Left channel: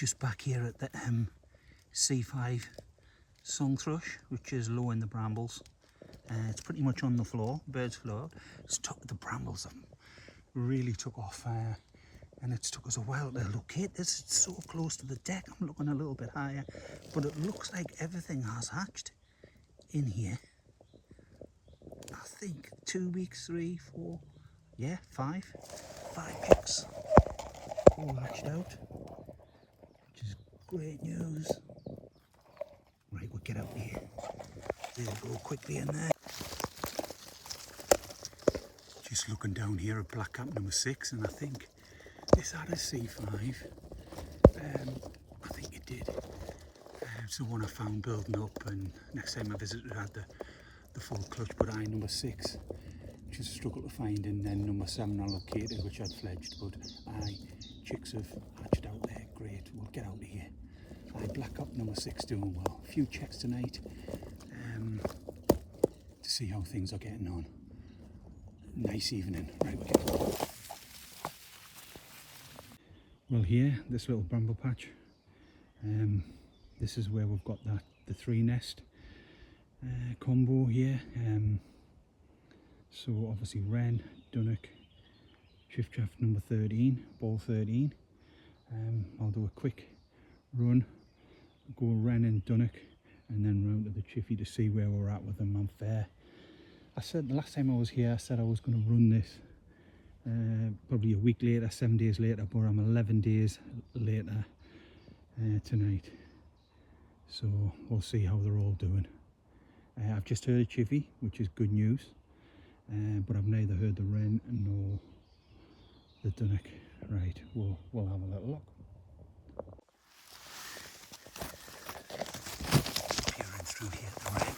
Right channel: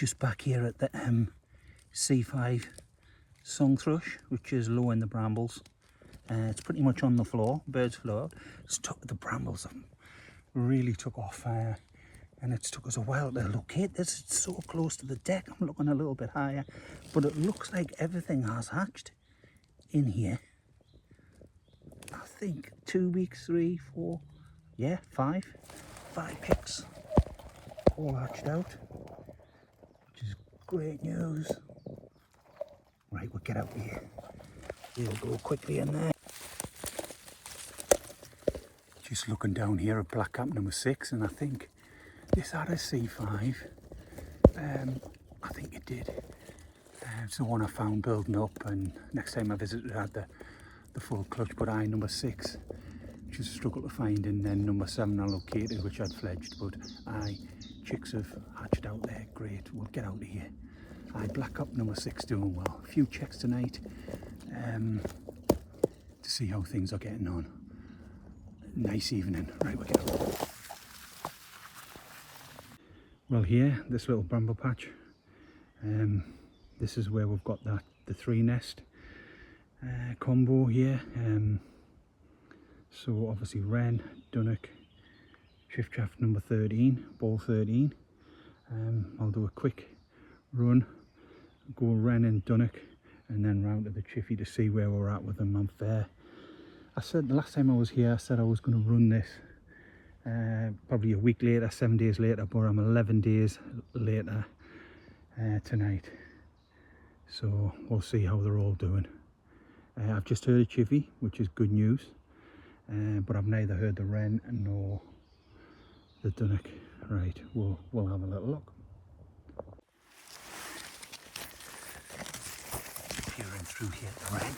just back here at the C5 song thrush, which is low in the brambles. It's pretty much on the floor, birds flew out. The brambles have really took off, and it's took us a while to locate this. It's so close to the deck. I'm looking a little bit higher, but it looks like everything has hatched in here. I think 2 weeks, 3, 4, yeah, 5 pigs all hatched out, which is great news. Right, we'll get out here. We'll go quickly in there. Just looking down here at Black Cap number 6, and I think this had a C5. I think it did. It's the one I found building up, and next time I visited it had the full clutch, but number 6 just struggled to find, and then number 7 I located, which I'd fledged, but chicks have hatched out there. Great, we'll get out of here. Black Cap number 6 doing well. A few checks tonight to see how things are getting on. Nice evening. Right, we'll get out. Well, here, this little bramble patch, this is where we've got the 3 nest combo here. So obviously wren, dunnock, chiffchaff number 13, ball 13. I'll do a quick run, go wren and dunnock, and then round to the chiffy to see where we're at with them. I'm fair. I said the last time I was here, I said I was going to run this probably a week later, 7 days later, but I'm 11 days later tonight. So we'll see how they're all doing. I've just heard a chiffy, which is good news, but I've neither heard the wren nor the dunnock. Right, we'll have a little look. Peering through here at the wren,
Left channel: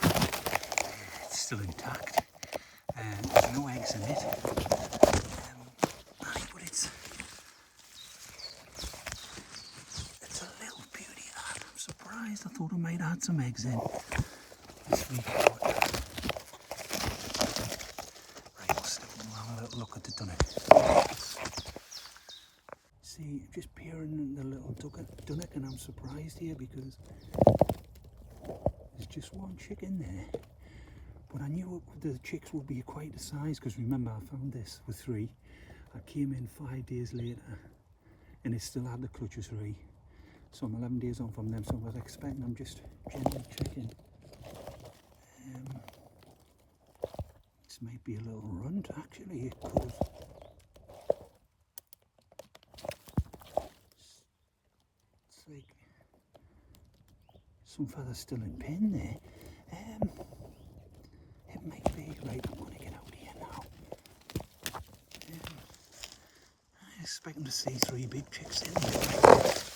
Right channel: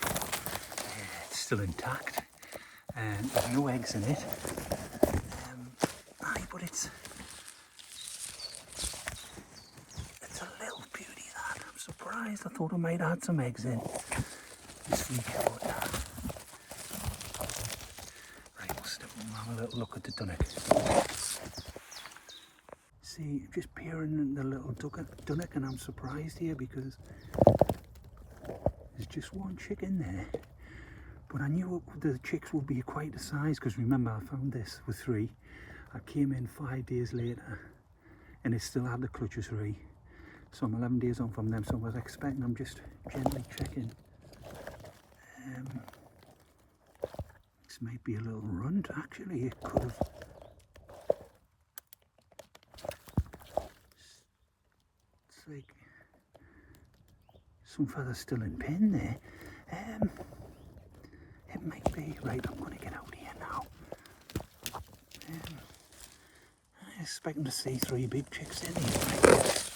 it's still intact, and there's no eggs in it. But it's a little beauty, that. I'm surprised. I thought I might have had some eggs in this week. But, right, we'll step and have a little look at the dunnock. See, just peering in the little dunnock, and I'm surprised here because there's just one chick in there. But I knew the chicks would be quite a size, because remember I found this with 3. I came in 5 days later and it still had the clutch of 3. So I'm 11 days on from them, so I was expecting, I'm just gently checking. This might be a little runt, actually. It could have. It's like some feathers still in pin there. It might be. Right, I'm going to get out here now. I'm expecting to see 3 big chicks in here. Right.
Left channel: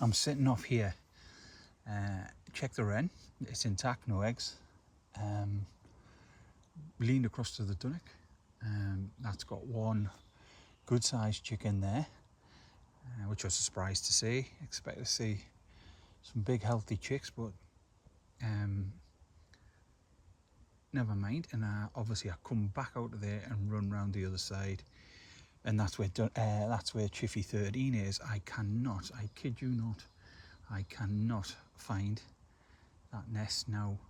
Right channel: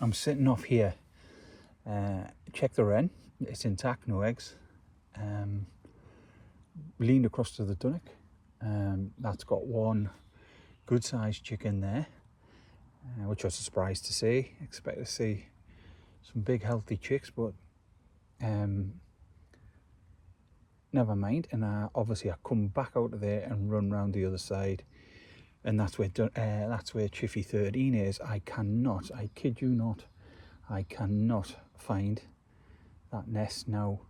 I'm sitting off here. Check the wren. It's intact, no eggs. Leaned across to the dunnock. That's got one good sized chick in there, which I was surprised to see. Expect to see some big healthy chicks, but never mind. And obviously I come back out of there and run round the other side, and that's where Chiffy 13 is. I kid you not, I cannot find that nest now.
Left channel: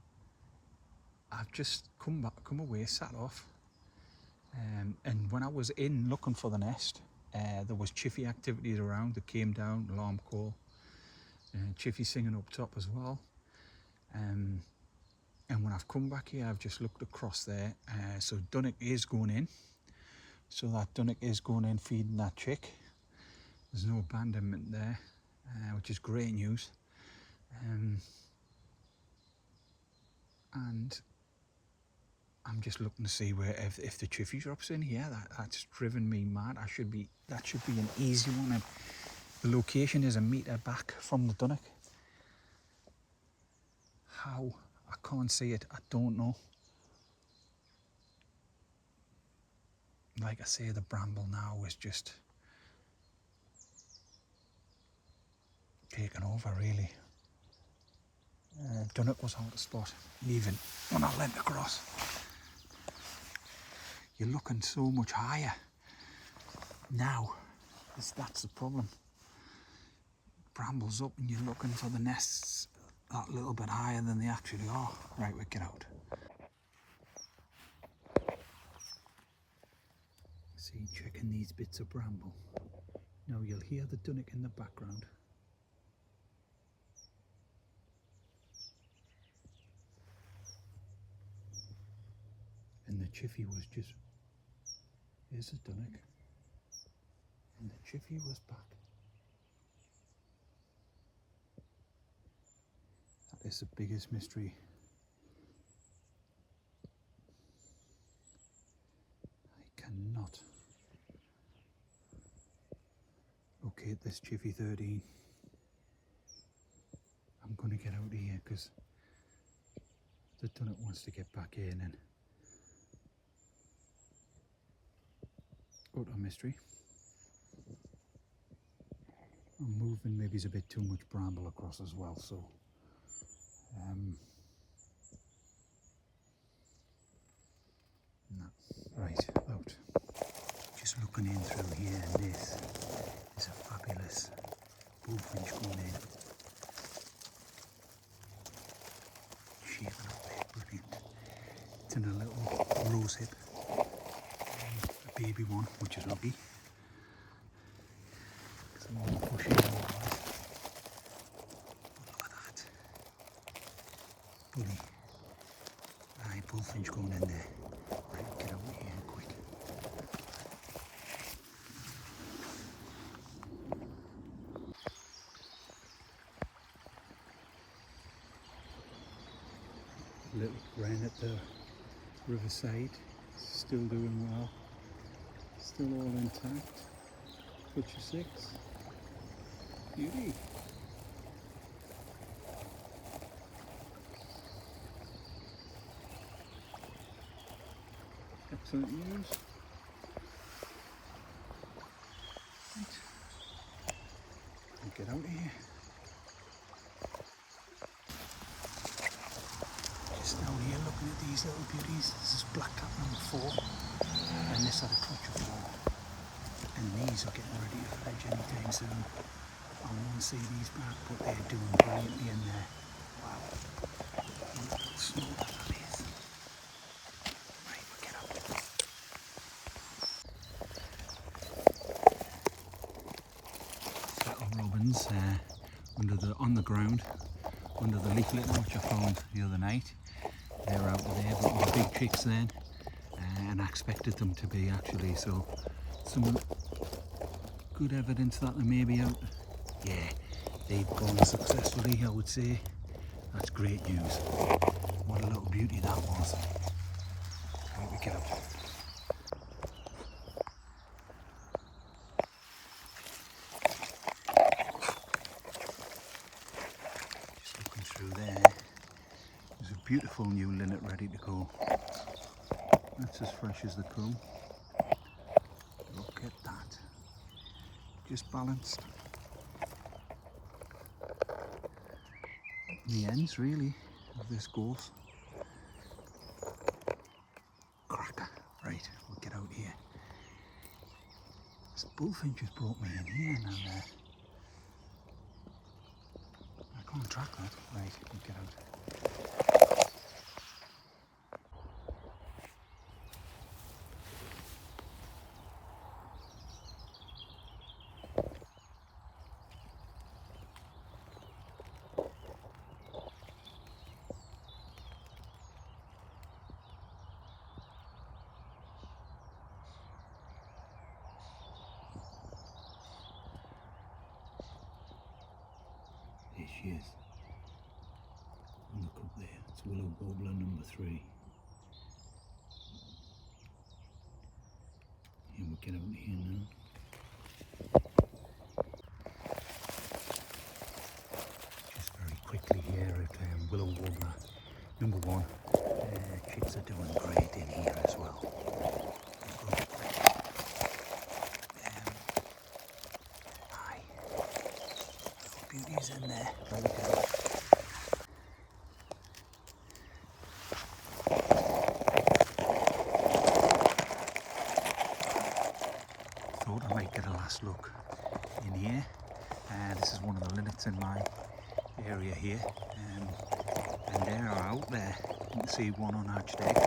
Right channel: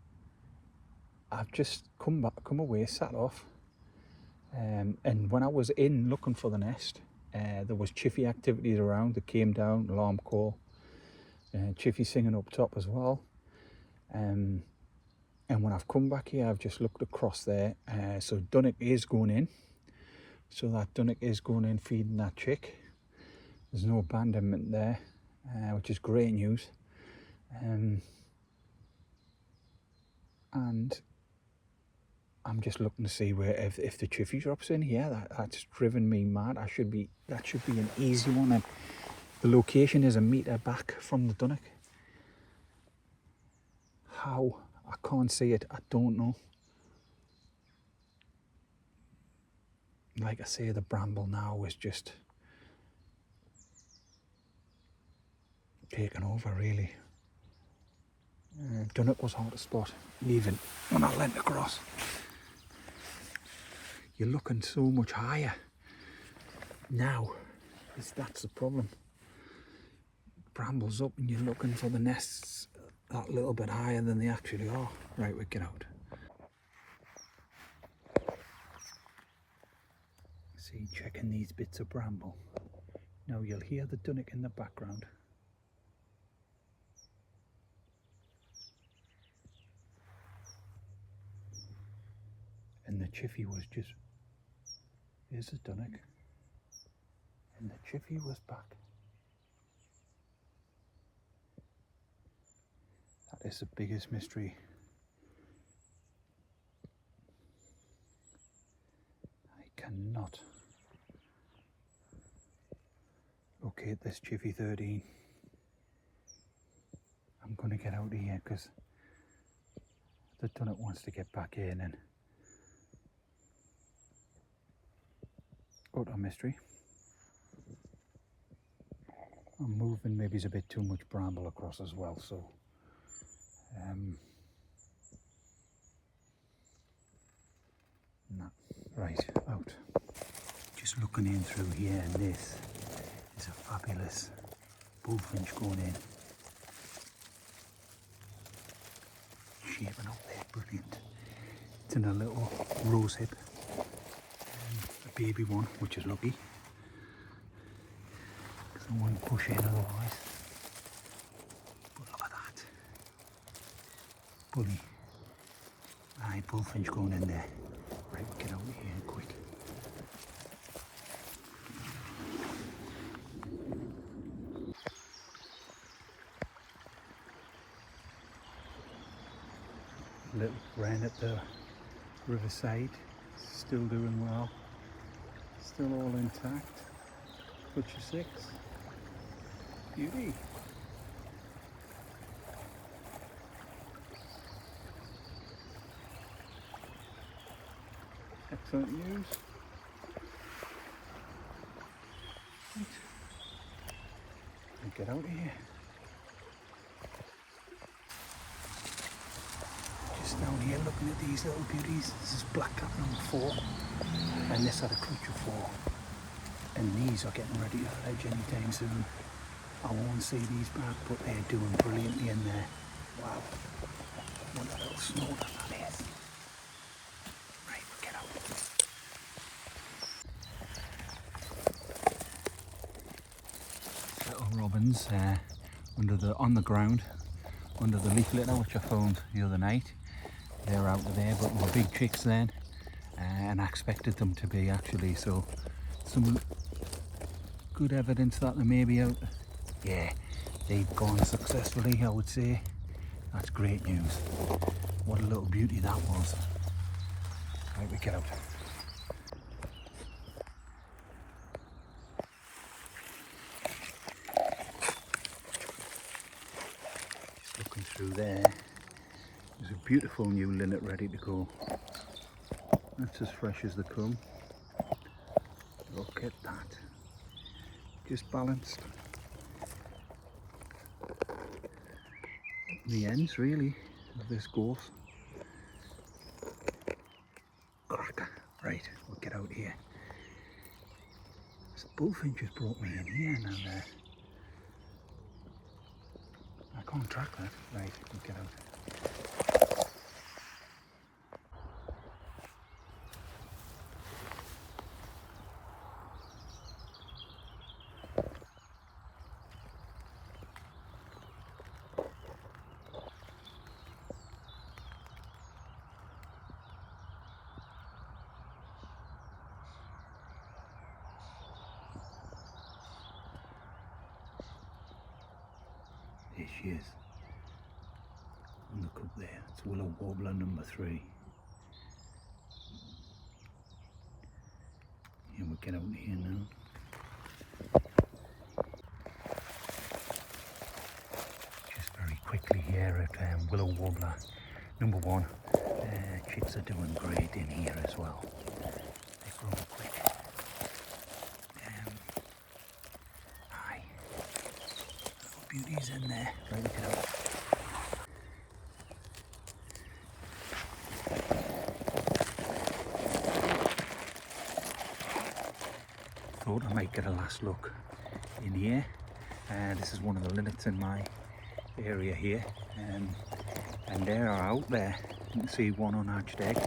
I've just come away, sat off, and when I was in looking for the nest, there was Chiffy activities around. That came down, alarm call, Chiffy singing up top as well. And when I've come back here, I've just looked across there. So dunnock is going in. So that dunnock is going in, feeding that chick. There's no abandonment there, which is great news. And I'm just looking to see where if the chiffy drops in here. That's driven me mad. That should be an easy one. And the location is a metre back from the dunnock. How? I can't see it. I don't know. Like I say, the bramble now is just taken over, really. Dunnock was hard to spot, even when I leant across. You're looking so much higher now That's the problem. Brambles up and you're looking for the nests that little bit higher than they actually are. Right, we get out. See, checking these bits of bramble. Now you'll hear the dunnock in the background. And the chiffy was just, here's the dunnock. And the chiffy was back. That is the biggest mystery. I cannot locate this Chiffy 13. I'm going to get out of here because the dunnock wants to get back in and utter mystery. I'm moving, maybe it's a bit too much bramble across as well, so no. Right, out. Just looking in through here, and this is a fabulous bullfinch going in. Shaping up there, brilliant. It's in a little rose hip, a baby one, which is lucky. Someone pushing over us. But look at that. Bully. Aye, bullfinch going in there. Right, we'll get out of here quick. Little wren at the riverside, still doing well, still all intact. Touch of 6, beauty. Excellent news. Right. We'll get out of here. Down here looking at these little beauties. This is blackcap number 4 and this had a clutch of 4, and these are getting ready to fledge anytime soon. I won't see these back, but they're doing brilliantly in there. Wow, what a little snorter that is. Right, we'll get out. Little robins on the ground under the leaf litter, which I found the other night. They were out of there, but were big chicks then, and I expected them to be actually, so some good evidence that they may be out. Yeah, they've gone successfully, I would say. That's great news. What a little beauty that was. Right, we get out. Just looking through there. There's a beautiful new linnet ready to go. That's as fresh as they come. Look at that. Just balanced. The ends really of this gorse. Cracker. Right, we'll get out here. This bullfinch has brought me in here now. I can't track that. Right, we'll get out. There she is. Look up there, it's willow warbler number 3. And we'll get out of here now. Just very quickly here at willow warbler number 1. Chicks are doing great in here as well. They grow quick. Aye. Beauties in there. Right, look at it. Thought I might get a last look in here. This is one of the linnets in my area here, and they are out there. You can see one unhatched egg,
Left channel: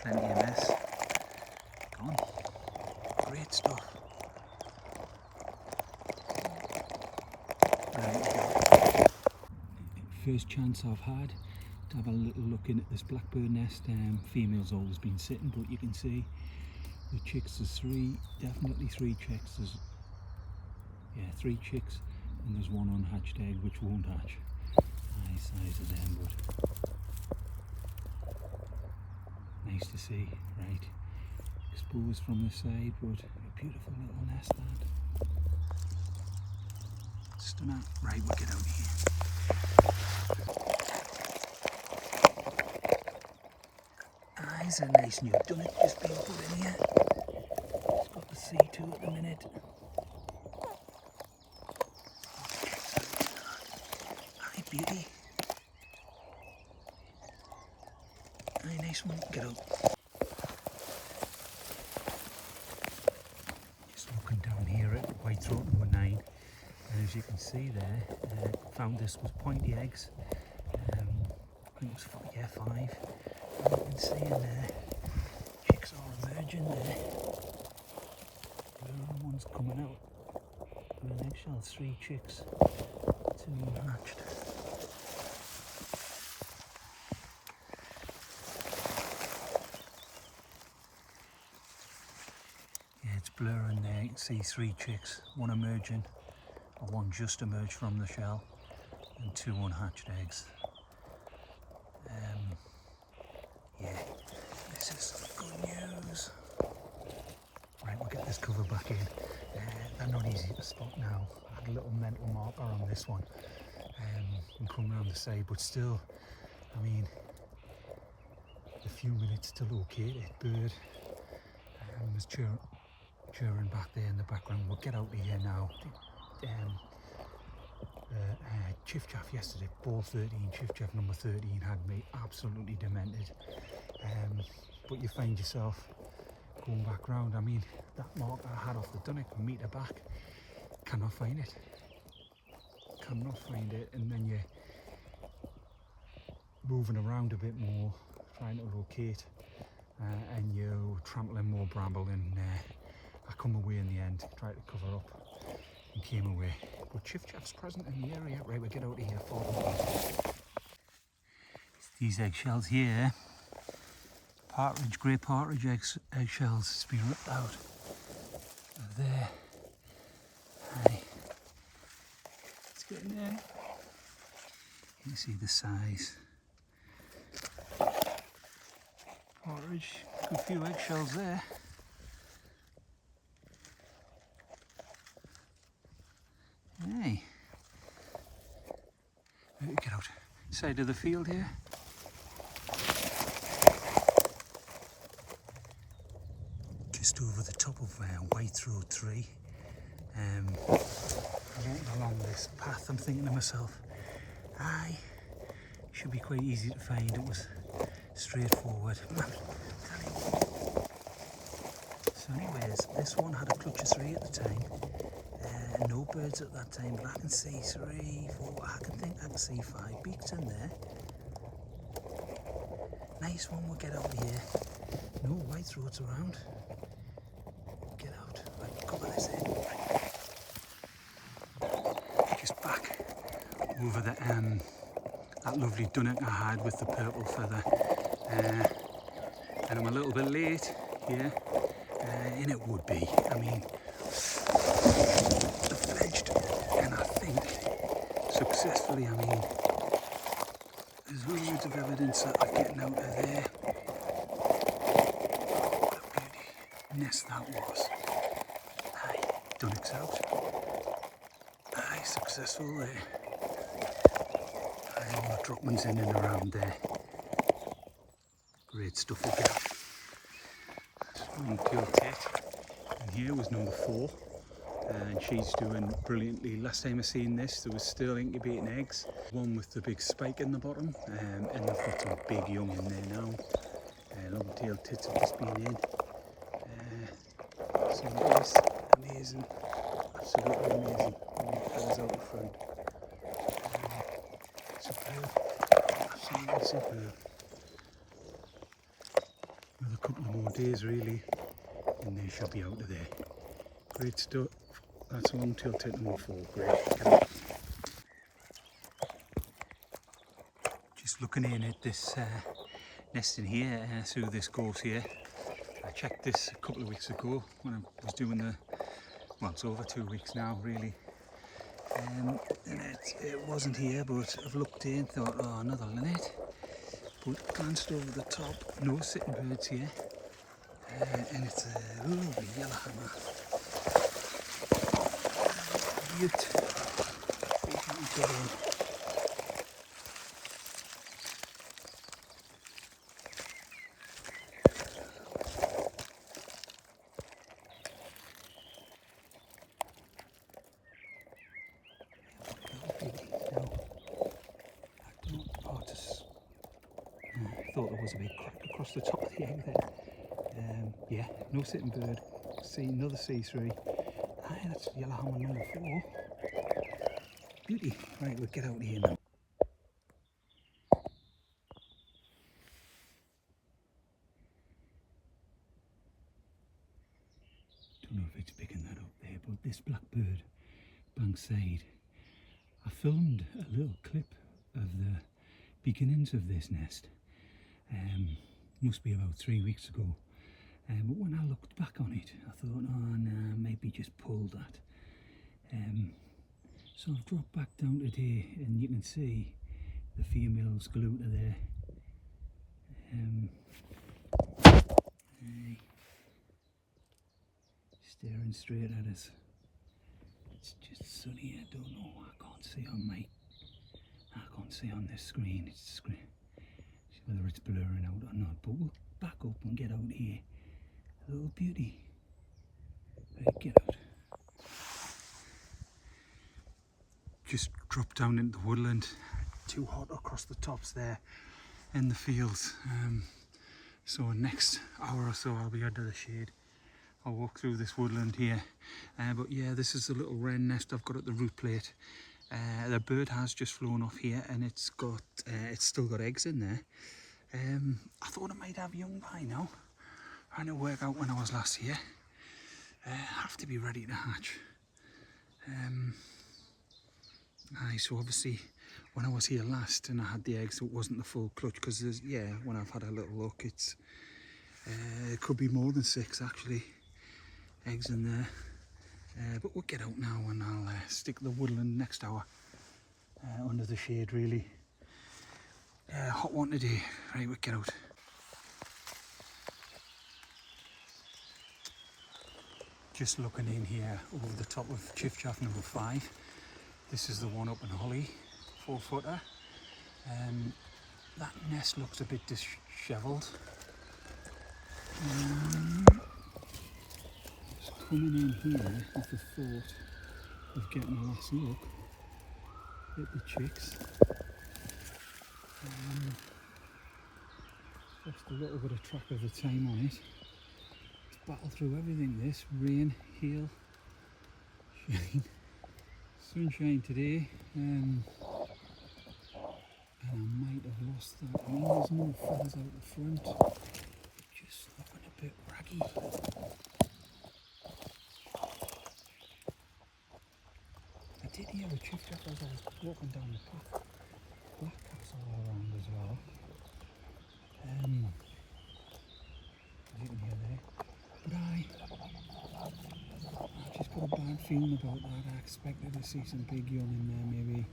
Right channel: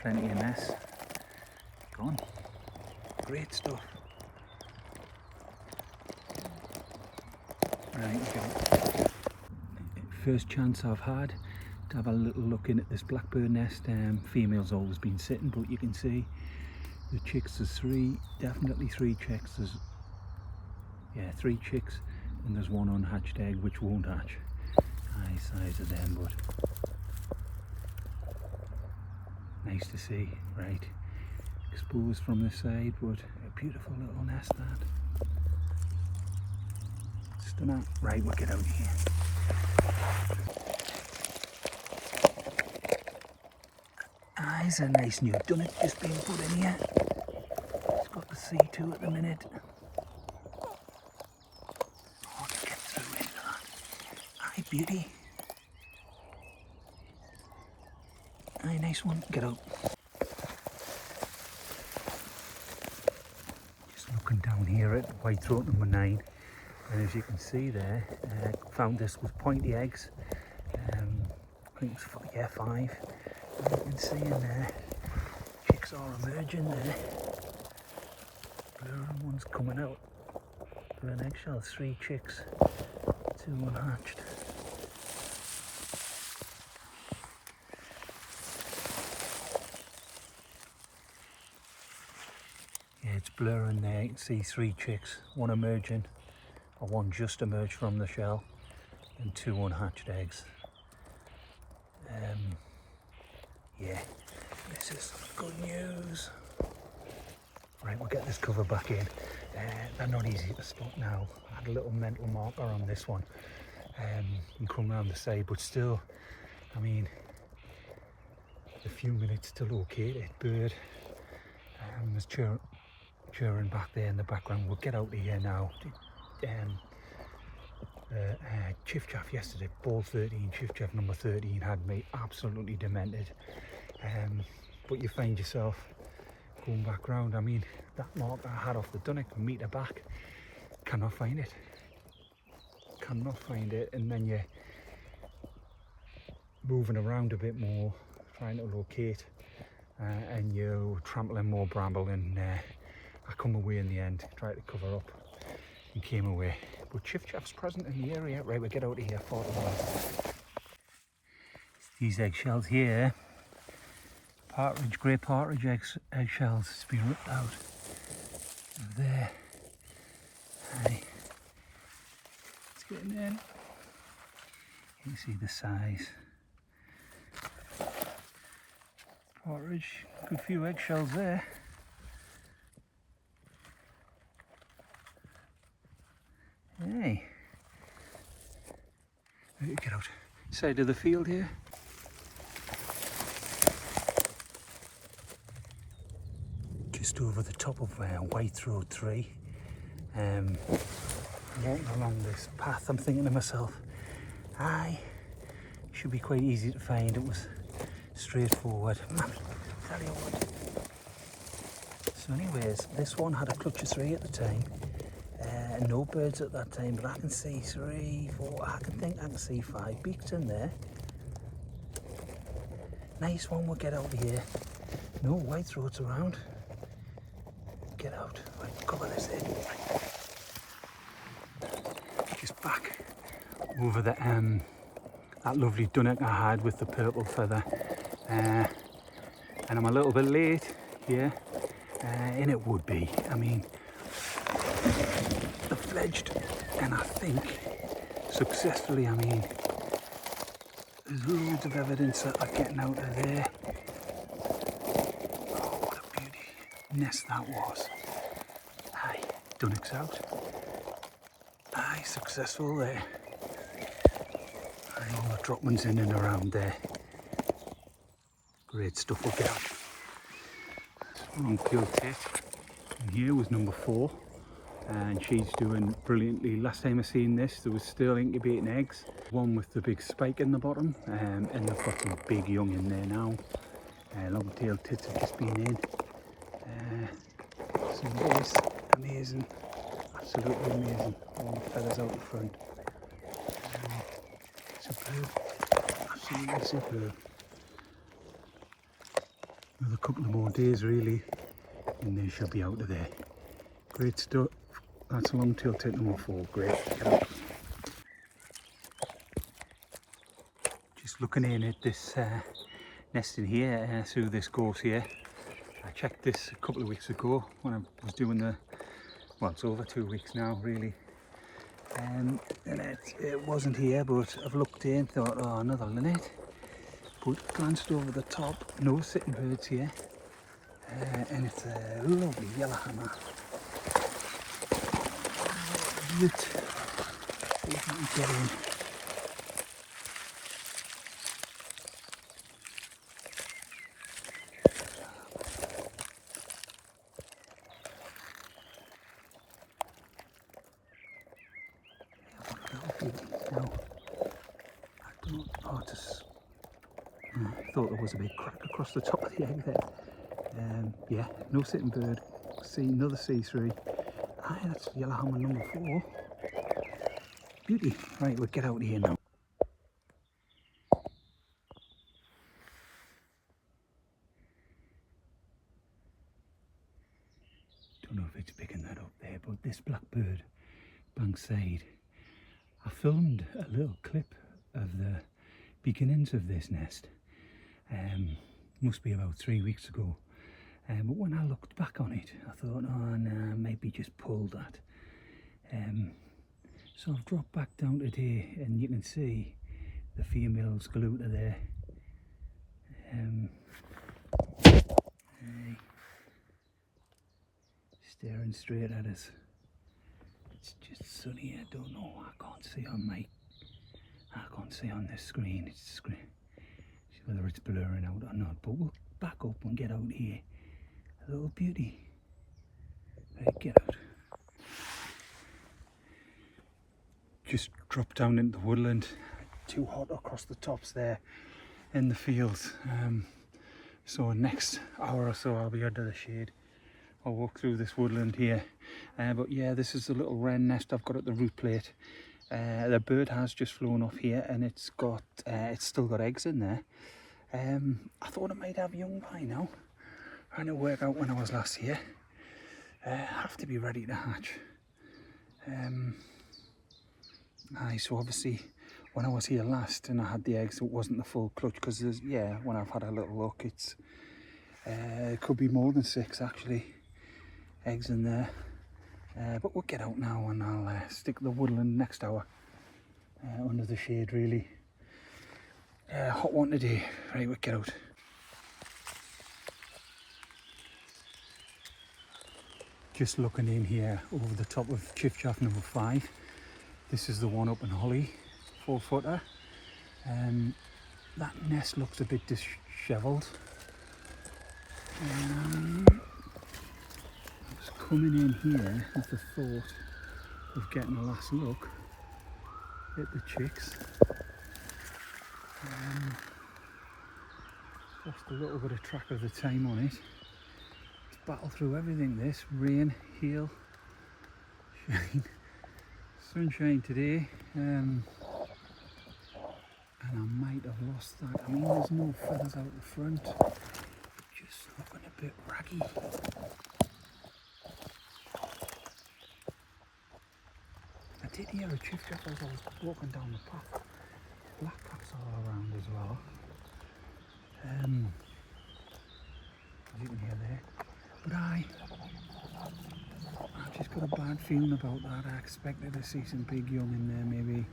plenty of nests. Gone. Great stuff. Right, we go. First chance I've had to have a little look in at this blackbird nest. Female's always been sitting, but you can see the chicks. There's three, definitely three chicks. There's, yeah, three chicks, and there's one unhatched egg which won't hatch. Nice size of them, but nice to see. Right, exposed from this side, but a beautiful little nest that. Stunner. Right, we'll get out of here. Here's a nice new dunnock just being put in here. It's got the C2 at the minute. Hi, beauty. Hi, nice one. Get out. Just looking down here at white throat number 9, and as you can see there, found this with pointy eggs. I think it was 5. And you can see in there, chicks are emerging there. Blue one's coming out with an eggshell. 3 chicks, 2 unhatched. Yeah, it's blurring there. You can see 3 chicks, 1 emerging, or 1 just emerged from the shell, and 2 unhatched eggs. Yeah, this is good news. Right, we'll get this cover back in. They're not easy to spot now. I had a little mental marker on this one, and come round the side, but still, I mean, a few minutes to locate it. Bird, there's chirring back there in the background. We'll get out of here now. Chiff-chaff yesterday, ball 13, chiff-chaff number 13 had me absolutely demented. But you find yourself going back round. I mean, that mark I had off the dunnock, a metre back, cannot find it. Cannot find it, and then you're moving around a bit more, trying to locate, and you're trampling more bramble, and I come away in the end, tried to cover up, and came away. But chiff-chaff's present in the area. Right, we'll get out of here. 40 minutes. These eggshells here, partridge, grey partridge eggshells, it's been ripped out of there. Hey, it's getting in. You can see the size. Partridge, good few eggshells there. Hey, get out. Side of the field here. Just over the top of White Throat 3. Walking along this path, I'm thinking to myself, should be quite easy to find. It was straightforward. Man, tell you what. So anyways, this one had a clutch of 3 at the time. No birds at that time, but I can see 3, 4, I can see 5 beaks in there. Nice one, we'll get out of here. No white throats around. Get out. Right, cover this in. Just back over the that lovely dunnock I had with the purple feather. And I'm a little bit late here, and it would be. I mean, the fledged, and I think successfully. I mean, there's loads of evidence that are getting out of there. Oh, what a beauty nest that was. Aye, dunnock's out. Aye, successful there. Aye, all the droppings in and around there. Great stuff, we'll get out. Pure tit. And here was number 4. And she's doing brilliantly. Last time I seen this, there was still incubating eggs. One with the big spike in the bottom, and they've got some big young in there now. Long-tailed tits have just been in. So this, amazing. absolutely amazing. And the feathers out the front. Superb. Absolutely superb. Another couple of more days really, and they should be out of there. Great stuff. That's a long-tailed titanowl fall. Great. Just looking in at this nest in here through this gorse here. I checked this a couple of weeks ago when I was doing the, well, it's over 2 weeks now really, and it wasn't here, but I've looked in, thought, oh, another linnet, but glanced over the top, no sitting birds here, and it's a lovely yellowhammer. Beaut. I thought there was a big crack across the top of the egg there. Yeah, no sitting bird. See another C3. Aye, that's yellowhammer number 4. Beauty. Right, we'll get out of here now. Don't know if it's picking that up there, but this blackbird, Bankside, I filmed a little clip of the beginnings of this nest. Must be about 3 weeks ago. But when I looked back on it, I thought, oh no, maybe just pulled that. So I've dropped back down today, and you can see the females glued to there. Staring straight at us. It's just sunny. I don't know. I can't see on this screen. It's screen. Whether it's blurring out or not, but we'll back up and get out here. A little beauty. Right, get out. Just drop down into the woodland. Too hot across the tops there in the fields. So next hour or so I'll be under the shade. I'll walk through this woodland here. But yeah, this is the little wren nest I've got at the root plate. The bird has just flown off here, and it's still got eggs in there. I thought it might have young by now. Trying to work out when I was last here. Have to be ready to hatch. So obviously when I was here last and I had the eggs, it wasn't the full clutch, because when I've had a little look, it could be more than 6 actually eggs in there. But we'll get out now, and I'll stick the woodland next hour under the shade really. Hot one today. Right, we'll get out. Just looking in here over the top of Chiffchaff number 5. This is the one up in Holly, 4-footer. That nest looks a bit dishevelled. I was coming in here with the thought of getting a last look at the chicks. Lost a little bit of track of the time on it. It's battled through everything, this. Rain, hail, shine, sunshine today. And I might have lost that. I mean, there's no feathers out the front. Just looking a bit raggy. I did hear a chiffchaff as I was walking down the path. Blackcaps all around as well. As you can hear there. But I've just got a bad feeling about that. I expected to see some big young in there maybe.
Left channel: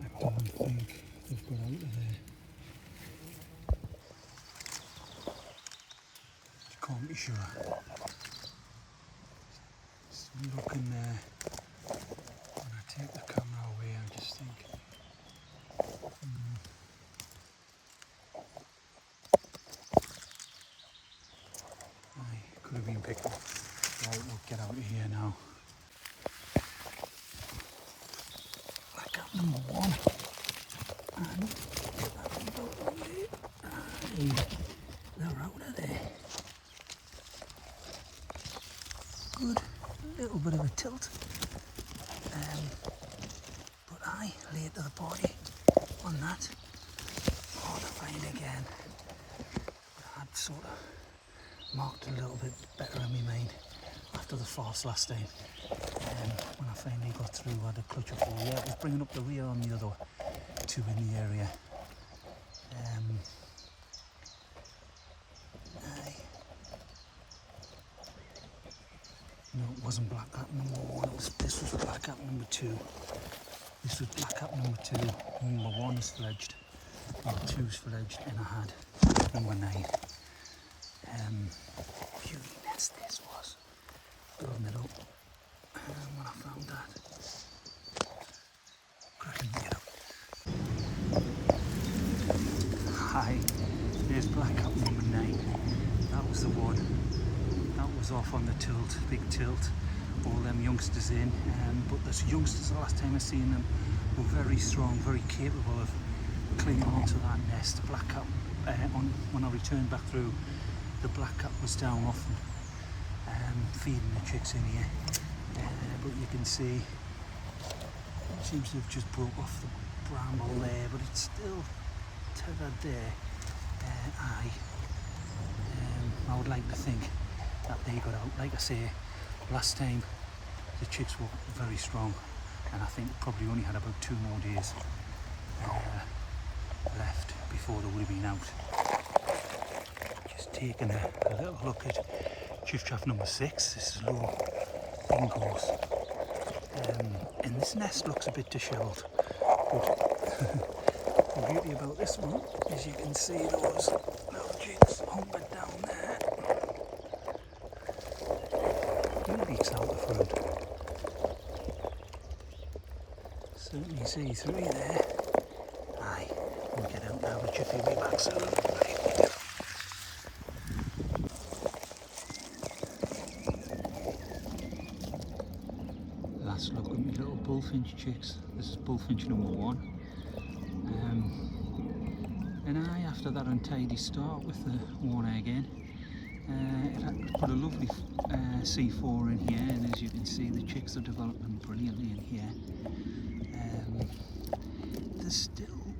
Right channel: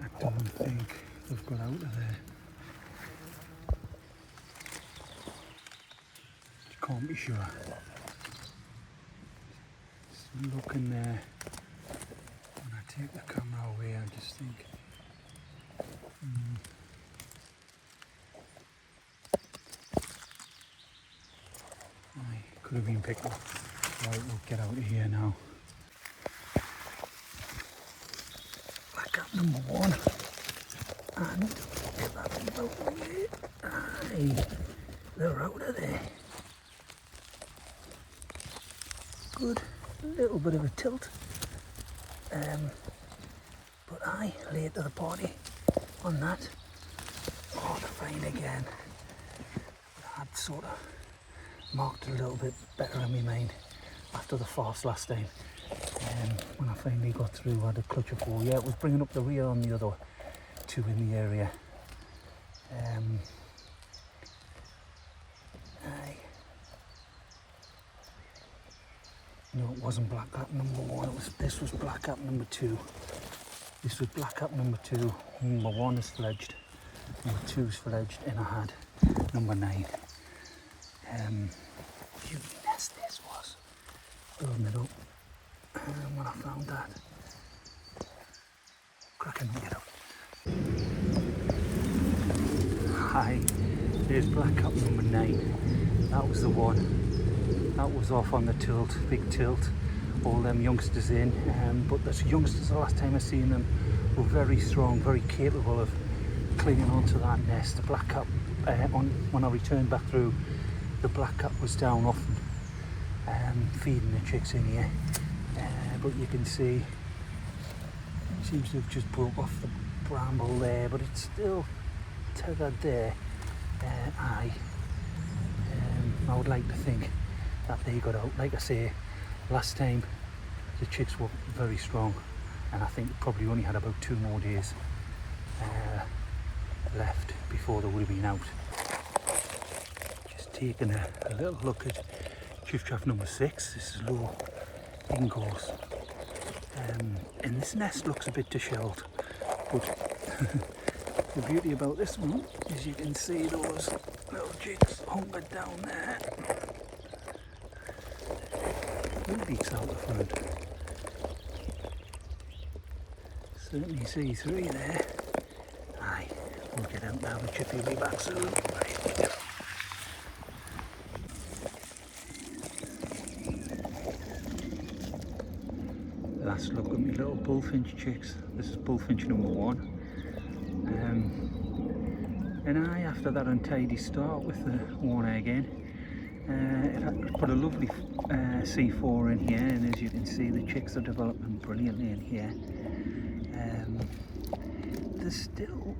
I don't think they've got out of there. You can't be sure. Just looking there. When I take the camera away, I just think, could have been picked up. Right, we'll get out of here now. Blackout number 1. And get that leaf out of the way. Aye, they're out of there. Good. little bit of a tilt. But I late to the party on that. Oh, the find again. But I'd sort of marked it a little bit better in my mind after the farce last time. When I finally got through, I had a clutch of 4. Yeah, it was bringing up the rear on the other 2 in the area. No, it wasn't black cap number 1. This was black cap number 2. This was black cap number 2. Number 1 is fledged. Number 2 is fledged, and I had number 9. Beauty nest this was. Building it up. And when I found that, cracking to get out. Hi, there's black cap number 9. That was the one. That was off on the tilt, big tilt. All them youngsters in, but the youngsters, the last time I seen them, were very strong, very capable of clinging onto that nest. The black cap, when I returned back through, the black cap was down often, feeding the chicks in here. But you can see, it seems to have just broke off the bramble there, but it's still tethered there. I would like to think that they got out. Like I say, last time the chicks were very strong, and I think probably only had about 2 more days left before they would have been out. Just taking a little look at Chiff Chaff number 6. This is low Bingos, and this nest looks a bit dishevelled, but the beauty about this one is you can see those little chicks hunkered down there. Beaks out the front. Certainly see 3 there. Aye, we'll get out now. The chippy will be back soon. Right, we go. Last look at my little bullfinch chicks. This is bullfinch number 1. And after that untidy start with the 1 egg in, it put a lovely C4 in here, and as you can see, the chicks are developing brilliantly in here. There's still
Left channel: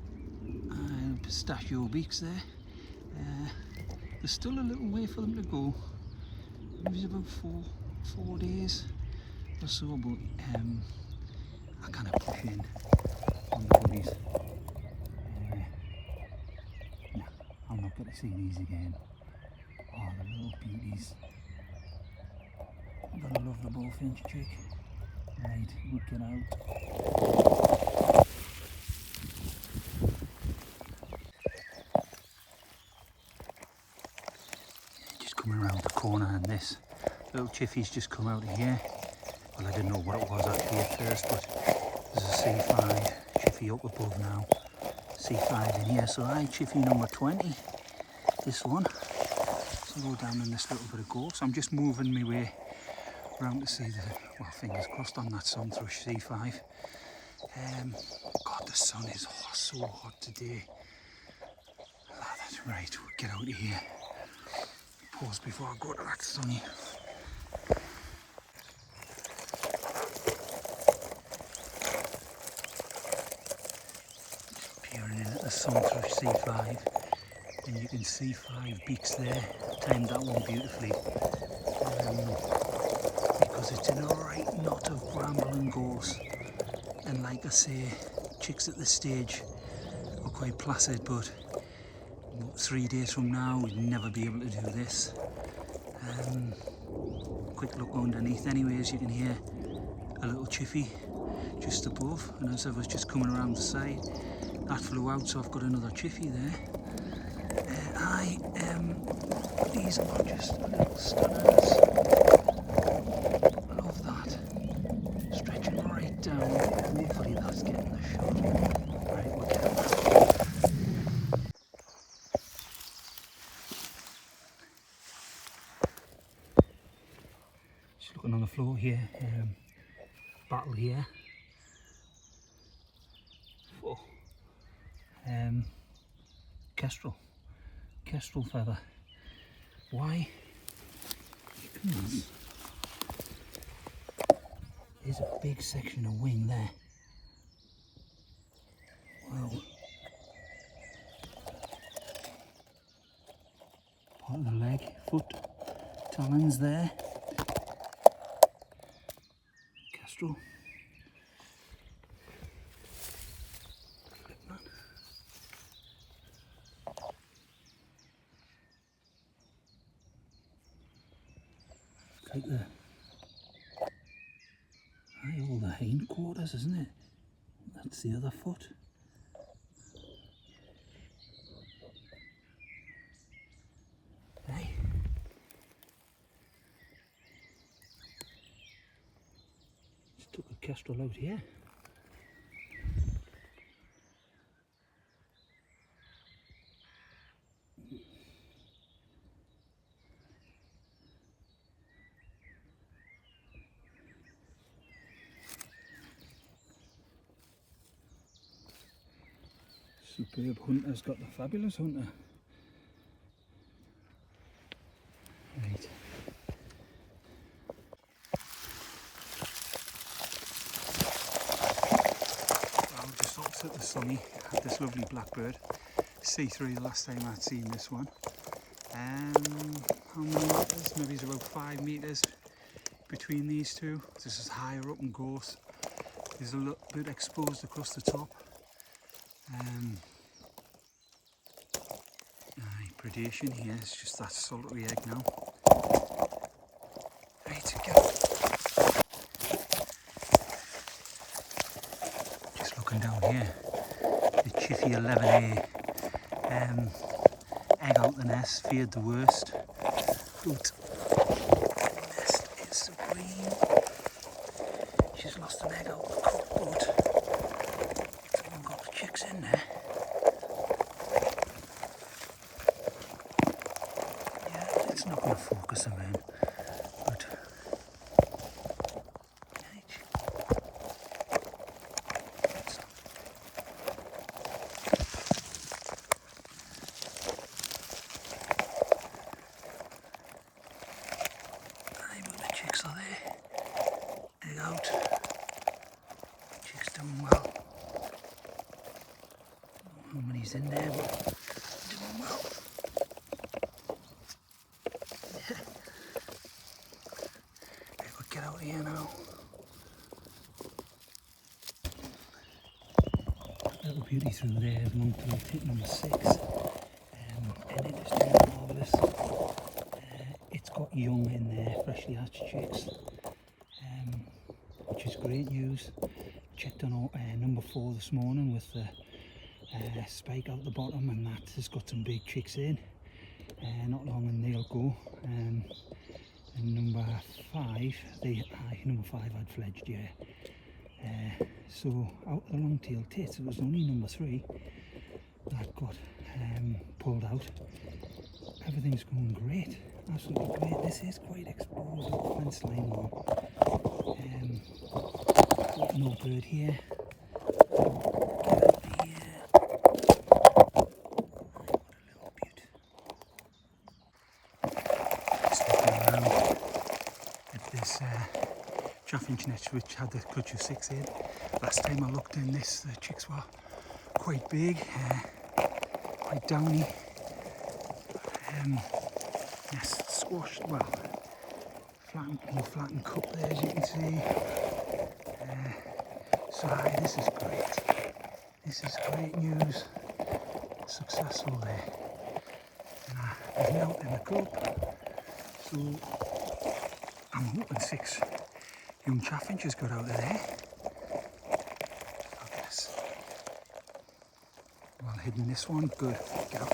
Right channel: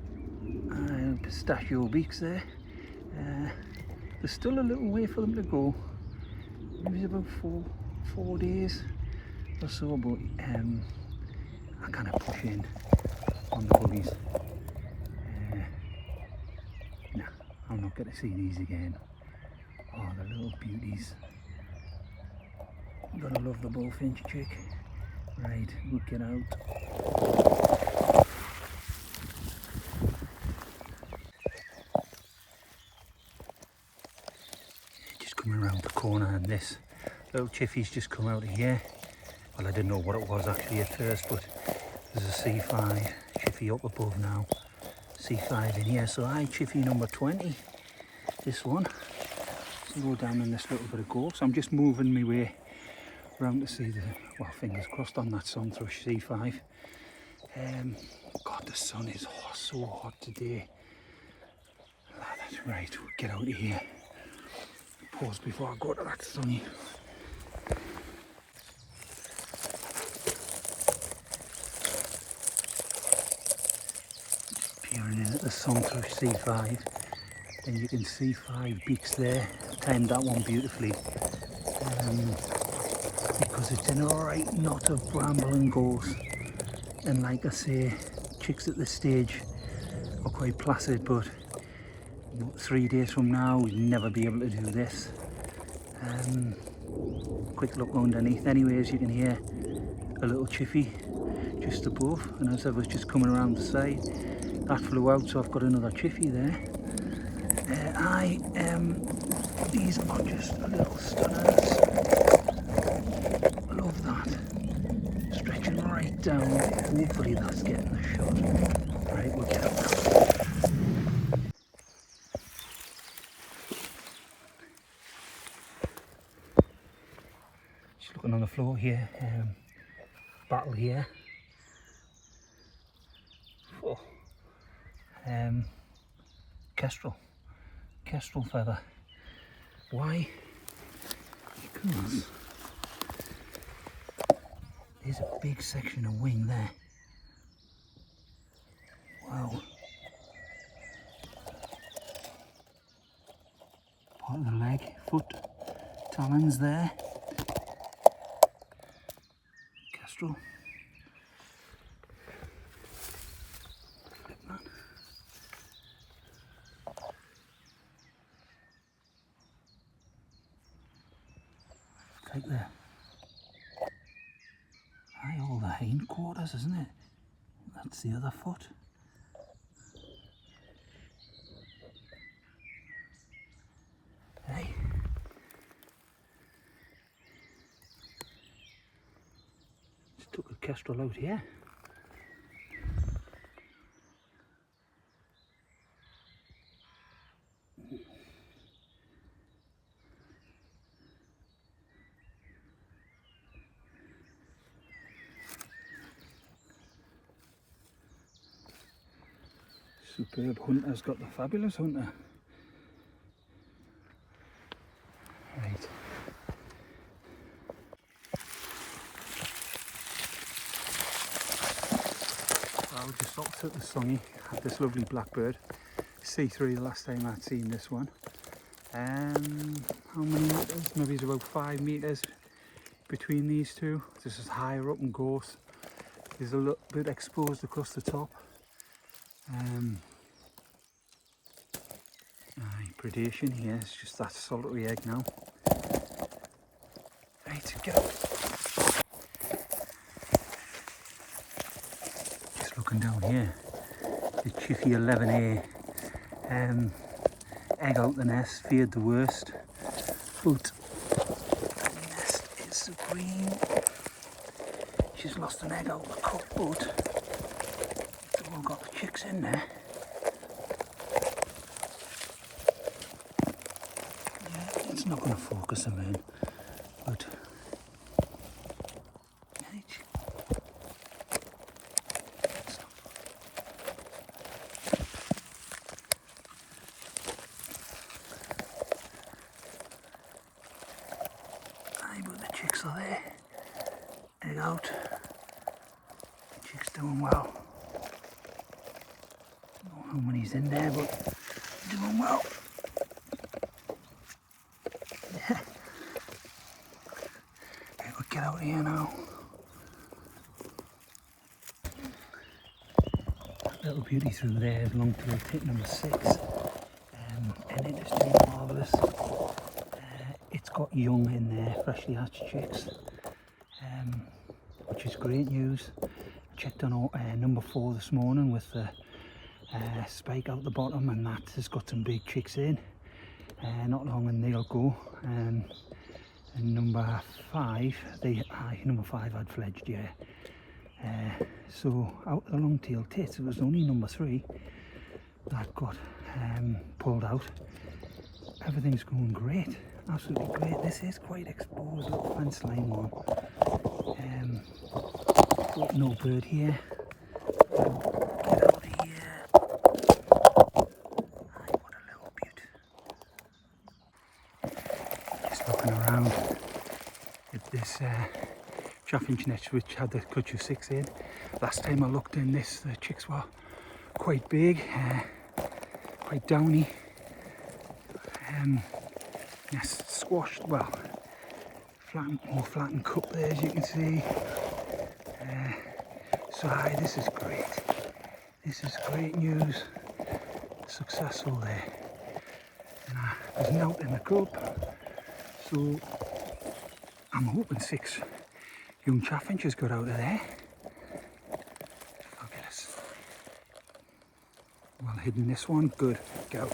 pistachio beaks there. There's still a little way for them to go. Maybe about 4 days or so, but I kind of push in on the bullies. No, I'm not going to see these again. Oh, the little beauties. You're gonna love the bullfinch chick. Right, we'll get out. Just coming around the corner, and this little chiffy's just come out of here. Well, I didn't know what it was actually at first, but there's a C5 chiffy up above now. C5 in here, so chiffy number 20. This one. Go down in this little bit of gorse. I'm just moving my way around to see the, well, fingers crossed on that sun thrush C5. God, the sun is so hot today. That's right, we'll get out of here. Pause before I go to that sunny. Just peering in at the sun thrush C5. And you can see 5 beaks there. Timed that one beautifully, because it's in a right knot of bramble and gorse. And like I say, chicks at this stage are quite placid, but 3 days from now we'll never be able to do this. Quick look underneath. Anyways, you can hear a little chiffy just above, and as I was just coming around the side, that flew out, so I've got another chiffy there. These are just little stunners. Love that. Stretching right down. Hopefully that's getting the shot. Right, we'll get out now. Just looking on the floor here. Battle here. Oh. Kestrel feather. Why? Because There's a big section of wing there. Wow. Part of the leg, foot, talons there. Kestrel. Like there. Aye, all the hindquarters, isn't it? That's the other foot. Hey. Just took a kestrel out here. Superb hunter's got the fabulous hunter. Right. Well, just opposite the Sunny had this lovely blackbird. C3 the last time I'd seen this one. How many metres? Maybe it's about 5 metres between these two. This is higher up in gorse. There's a little bit exposed across the top. Predation here, it's just that solitary egg now. Right to go. Just looking down here, the Chiffy 11A egg out the nest, feared the worst, but the nest is supreme. She's lost an egg out the cup, but it's all got the chicks in there. It's not going to focus them in, but but the chicks are there. Egg out. Chicks doing well. Don't know how many's in there, but doing well. Get out of here now. Little beauty through there belonged to tit number 6. And it is doing marvellous. It's got young in there, freshly hatched chicks, which is great news. Checked on number 4 this morning with the spike out the bottom, and that has got some big chicks in. Not long and they'll go. And number 5, number 5 had fledged, yeah. So out the long-tailed tits, it was only number 3 that got pulled out. Everything's going great, absolutely great. This is quite exposed, little fence line one. No bird here. Get out of here. Aye, what a little beaut. Just looking around at this chaffinch nest which had the Kutcher 6 in. Last time I looked in this, the chicks were quite big, quite downy. Nest squashed, well, more flattened cup there, as you can see. So aye, this is great. This is great news. Successful there. And there's a note in the cup, so I'm hoping 6 young chaffinches got out of there. Look at this. Well hidden this one, good. Go.